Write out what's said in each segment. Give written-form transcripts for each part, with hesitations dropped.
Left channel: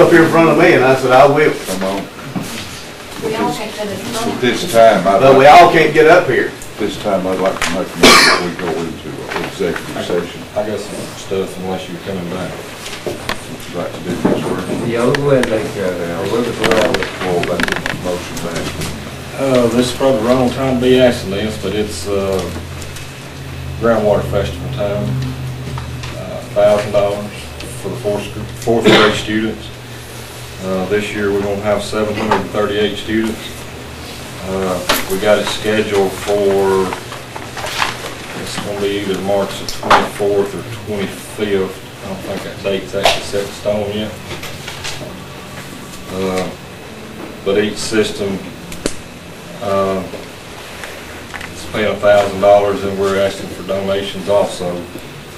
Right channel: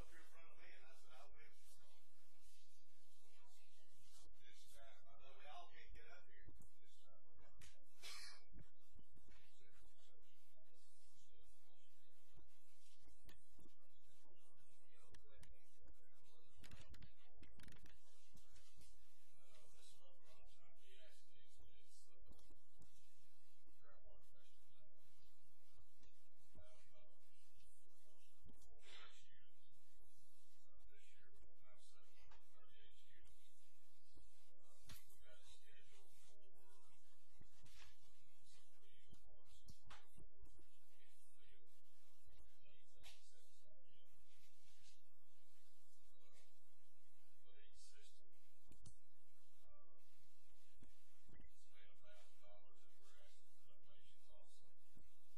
up here in front of me, and I said, I will. Come on. We all can't get it At done. this time, But we all can't get up here. this time I'd like to make a motion that we go into executive session. I got some stuff unless you're coming back. Would you like to do this work? Yeah, we'll go ahead and take care of that. We'll just roll it. Well, that motion back. This is probably the wrong time to be asking this, but it's, groundwater festival time. $1,000 for the fourth grade students. This year we're gonna have 738 students. We got it scheduled for, it's gonna be either March the 24th or 25th. I don't think that date's actually set in stone yet. But each system is paying $1,000, and we're asking for donations also,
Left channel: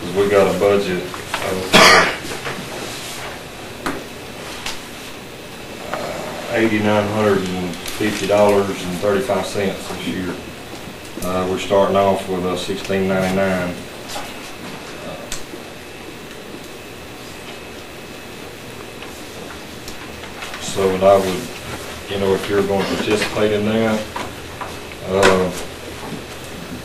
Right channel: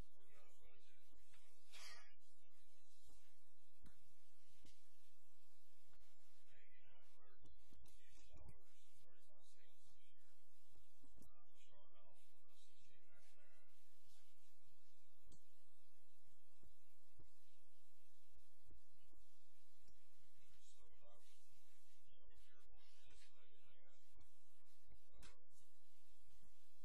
because we got a budget of $8,950.35 this year. We're starting off with $1,699. So, and I would, if you're going to participate in that, I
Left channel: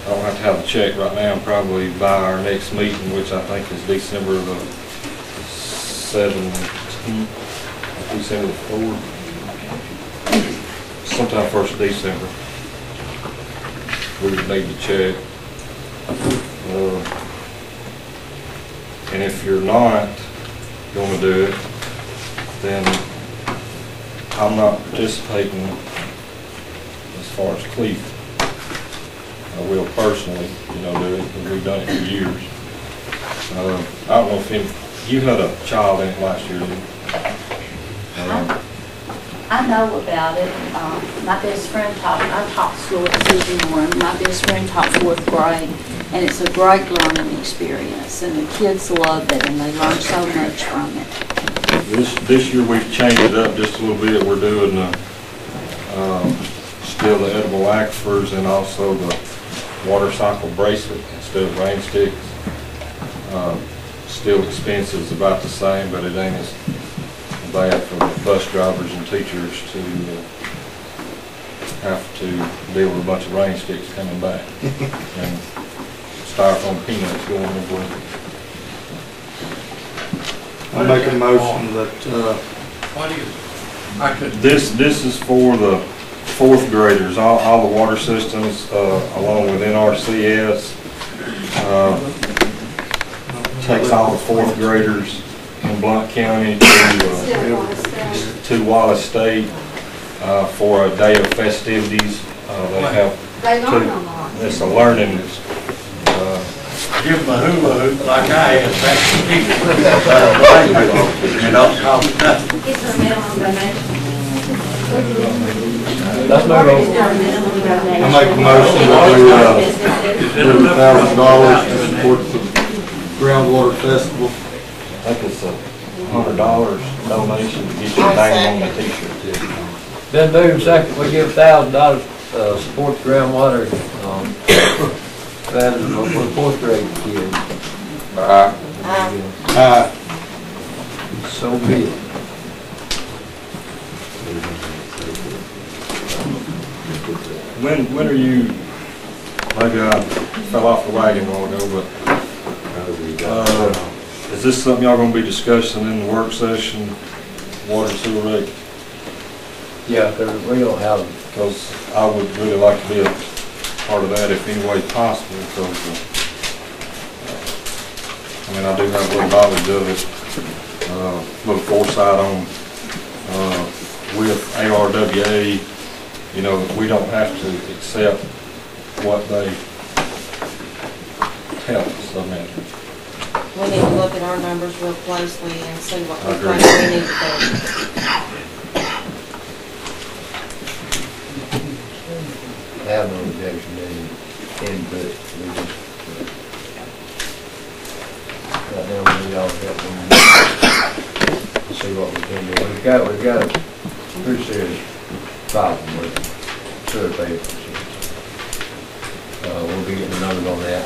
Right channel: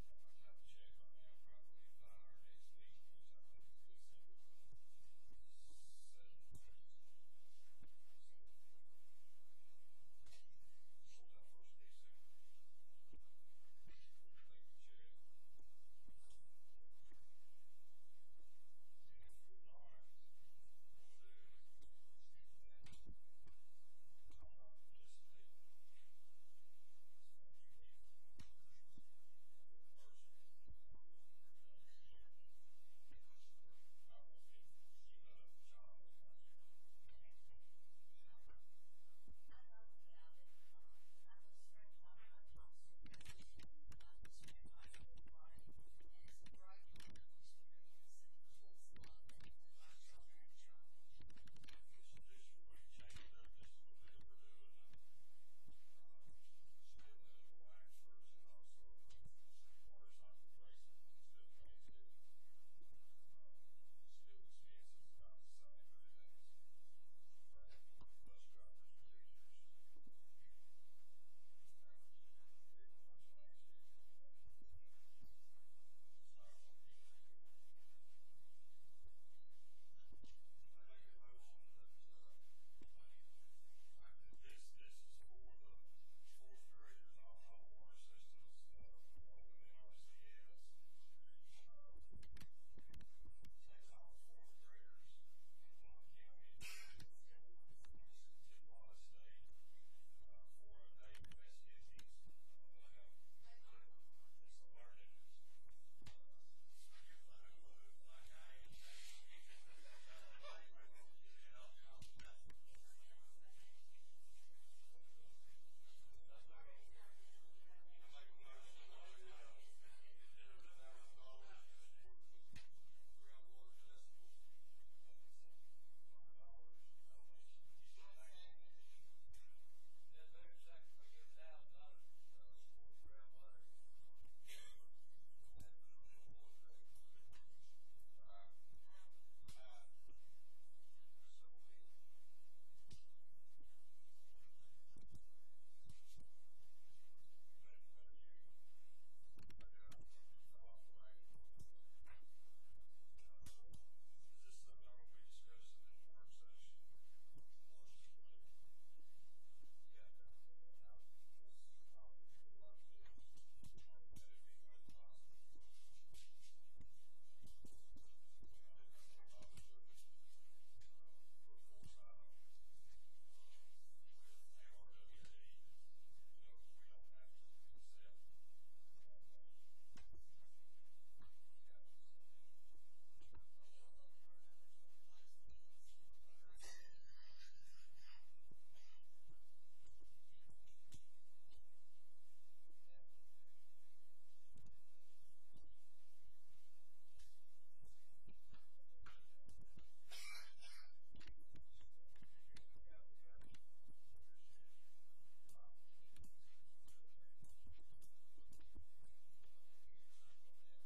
don't have to have a check right now, probably by our next meeting, which I think is December the 17th, December the 4th, sometime 1st of December. We would need to check. And if you're not going to do it, then I'm not participating as far as Cleveland. I will personally, do it, because we've done it for years. I don't know if you had a child in it last year, didn't you? I know about it. My best friend taught, I taught school at Susan Warren. My best friend taught 4th grade, and it's a great learning experience, and the kids love it, and they learn so much from it. This year we've changed it up just a little bit. We're doing still the edible aquifers and also the water cycle bracelet instead of rain sticks. Still expenses about the same, but it ain't as bad for the bus drivers and teachers to have to deal with a bunch of rain sticks coming back and styrofoam peanuts going everywhere. I make a motion that, This is for the 4th graders, all the water systems, along with NRCS, takes all the 4th graders in Blount County to Wallace State for a day of festivities. They have it's a learning. Give them a hula hoop like I had back in the and don't cost nothing. Let's move on. I make a motion that we, give $1,000 to support the groundwater festival. I think it's $100 donation to get your name on the t-shirt. Then move second, we give $1,000, support the groundwater, that is for the 4th grade kids. So be it. When are you, maybe I fell off the wagon a while ago, but is this something y'all gonna be discussing in the work session, water and sewer rate? Yeah, because we don't have, Because I would really like to be a part of that if any way possible, because I do have a little knowledge of it, a little foresight on with ARWA, we don't have to accept what they tell us. We need to look at our numbers real closely and see what we think we need to do. have no objection to any input. We just, right now, we all have to see what we can do. We've got a pretty serious problem with sewer papers. We'll be getting the numbers on that.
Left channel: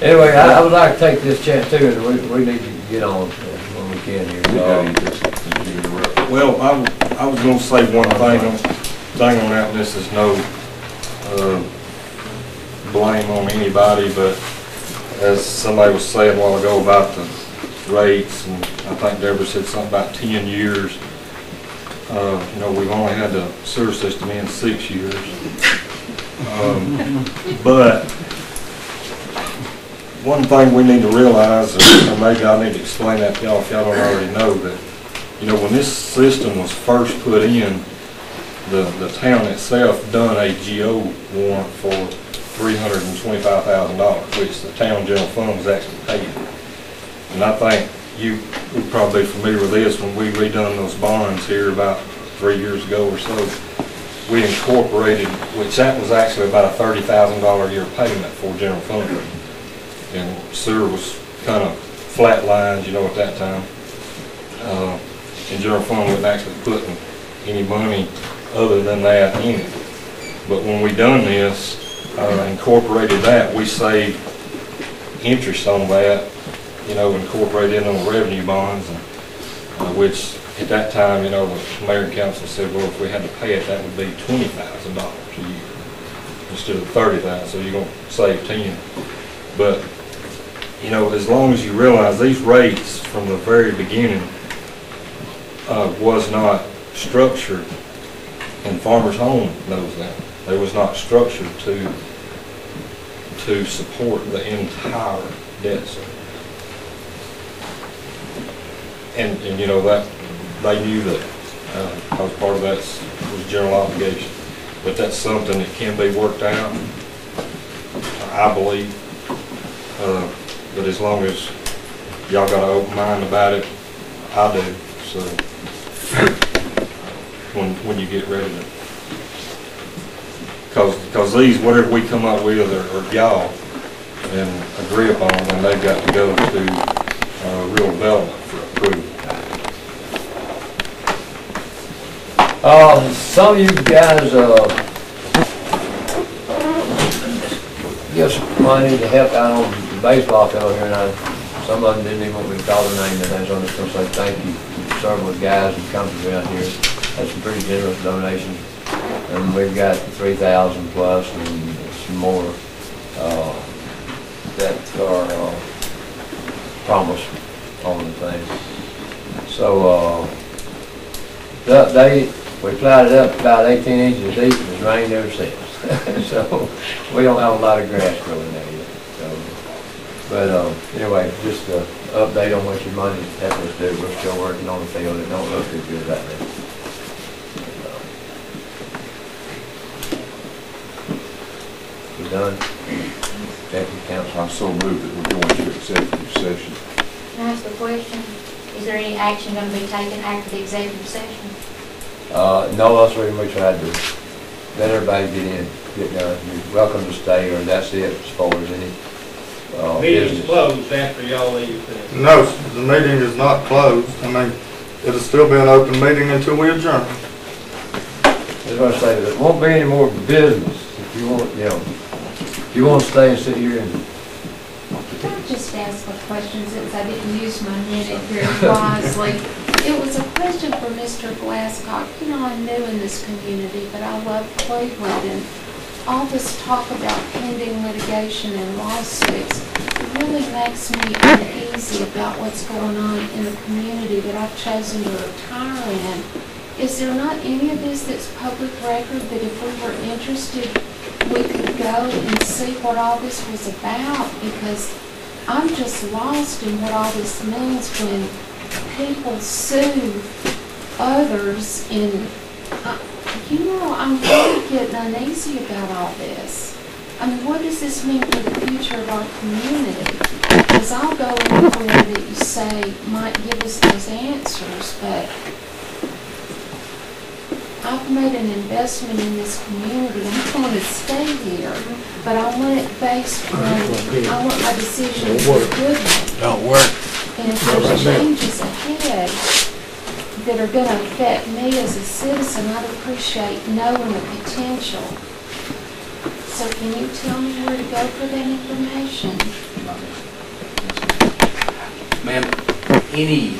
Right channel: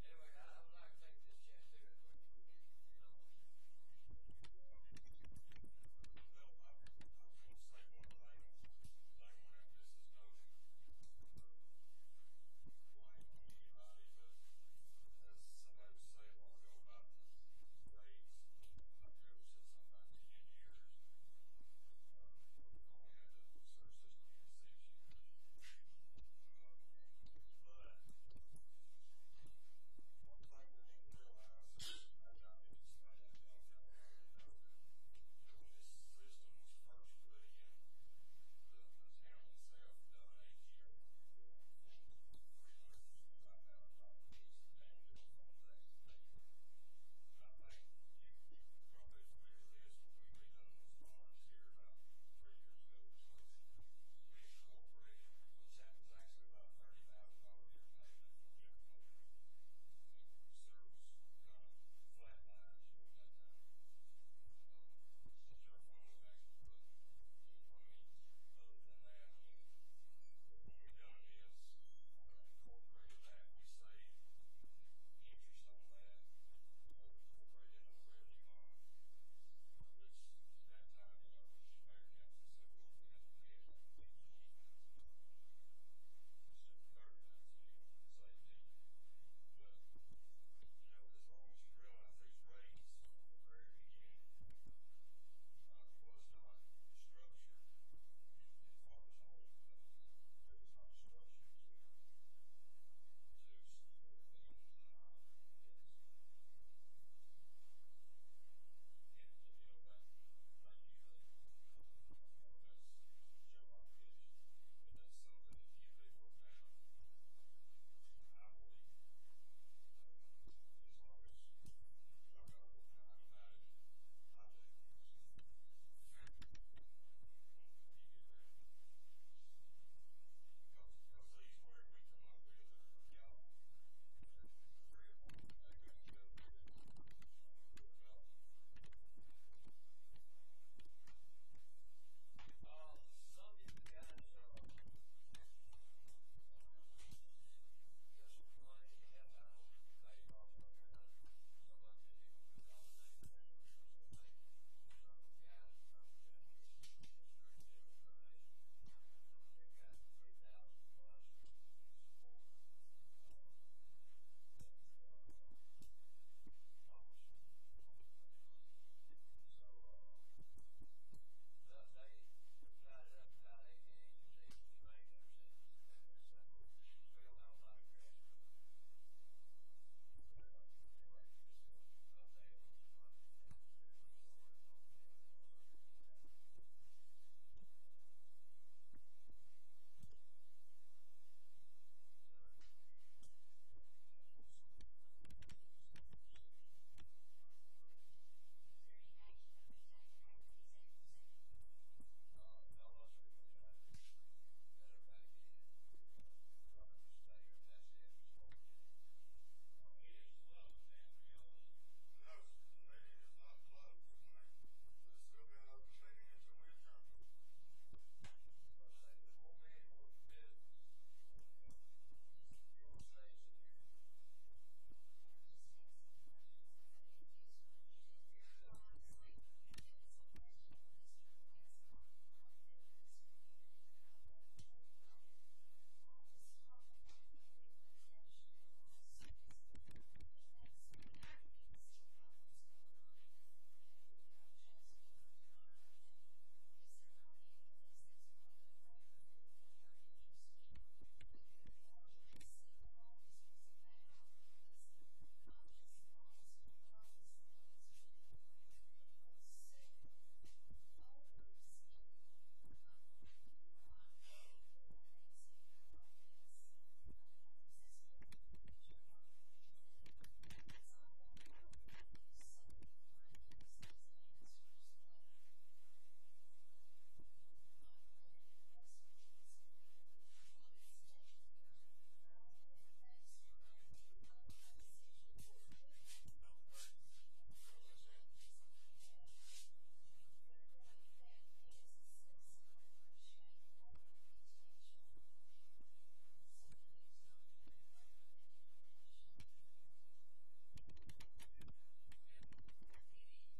Anyway, I would like to take this chance too, and we need to get on when we can here. I was gonna say one thing on that, and this is no blame on anybody, but as somebody was saying a while ago about the rates, and I think Deborah said something about 10 years. You know, we've only had the sewer system in 6 years. But one thing we need to realize, or maybe I need to explain that to y'all if y'all don't already know, that, you know, when this system was first put in, the town itself done a GO warrant for $325,000, which the town general fund was actually paid. And I think you would probably be familiar with this when we redone those bonds here about 3 years ago or so. We incorporated, which that was actually about a $30,000 a year payment for general fund. And sewer was kind of flatlined, you know, at that time. And general fund wasn't actually putting any money other than that in it. But when we done this, incorporated that, we saved interest on that, you know, incorporated in on the revenue bonds, and, which at that time, you know, the mayor and council said, well, if we had to pay it, that would be $20,000 a year instead of $30,000, so you're going to save 10. But, you know, as long as you realize these rates from the very beginning was not structured, and Farmers Home knows that, they was not structured to support the entire debt service. And you know, that they knew that because part of that was general obligation. But that's something that can be worked out, I believe. But as long as y'all got an open mind about it, I do. So when you get ready to, because these, whatever we come up with, are y'all and agree upon, and they've got to go to real development for approval. Some of you guys give some money to help out on the baseball field here, and some of them didn't even want me to call their name, and I was going to say thank you for serving with guys and companies around here. That's some pretty generous donations, and we've got 3,000 plus and some more that are promised on the thing. So we plowed it up about 18 inches deep, and it's rained ever since. So we don't have a lot of grass growing there yet. So, but anyway, just an update on what your money helped us do. We're still working on the field. It don't look too good right now. We done? Executive council. I so moved that we're going to executive session. Can I ask a question? Is there any action going to be taken after the executive session? No, that's the reason we tried to let everybody get done. You're welcome to stay, or that's it as far as any Meeting's business. closed after y'all leave. No, the meeting is not closed. I mean, it'll still be an open meeting until we adjourn. I was going to say, there won't be any more business if you want, you know, if you want to stay and sit here and. Can I just ask a question since I didn't use my minute very wisely? It was a question for Mr. Glasscock. You know, I'm new in this community, but I love Cleveland, and all this talk about pending litigation and lawsuits really makes me uneasy about what's going on in the community that I've chosen to retire in. Is there not any of this that's public record that if we were interested, we could go and see what all this was about? Because I'm just lost in what all this means when people sue others, and you know, I'm really getting uneasy about all this. I mean, what does this mean for the future of our community? Because I'll go anywhere that you say might give us those answers, but I've made an investment in this community. I'm going to stay here, but I want it based on, I want my decision to be a good one. Don't work. And if there's changes ahead that are going to affect me as a citizen, I'd appreciate knowing the potential. So can you tell me where to go for that information? Ma'am, any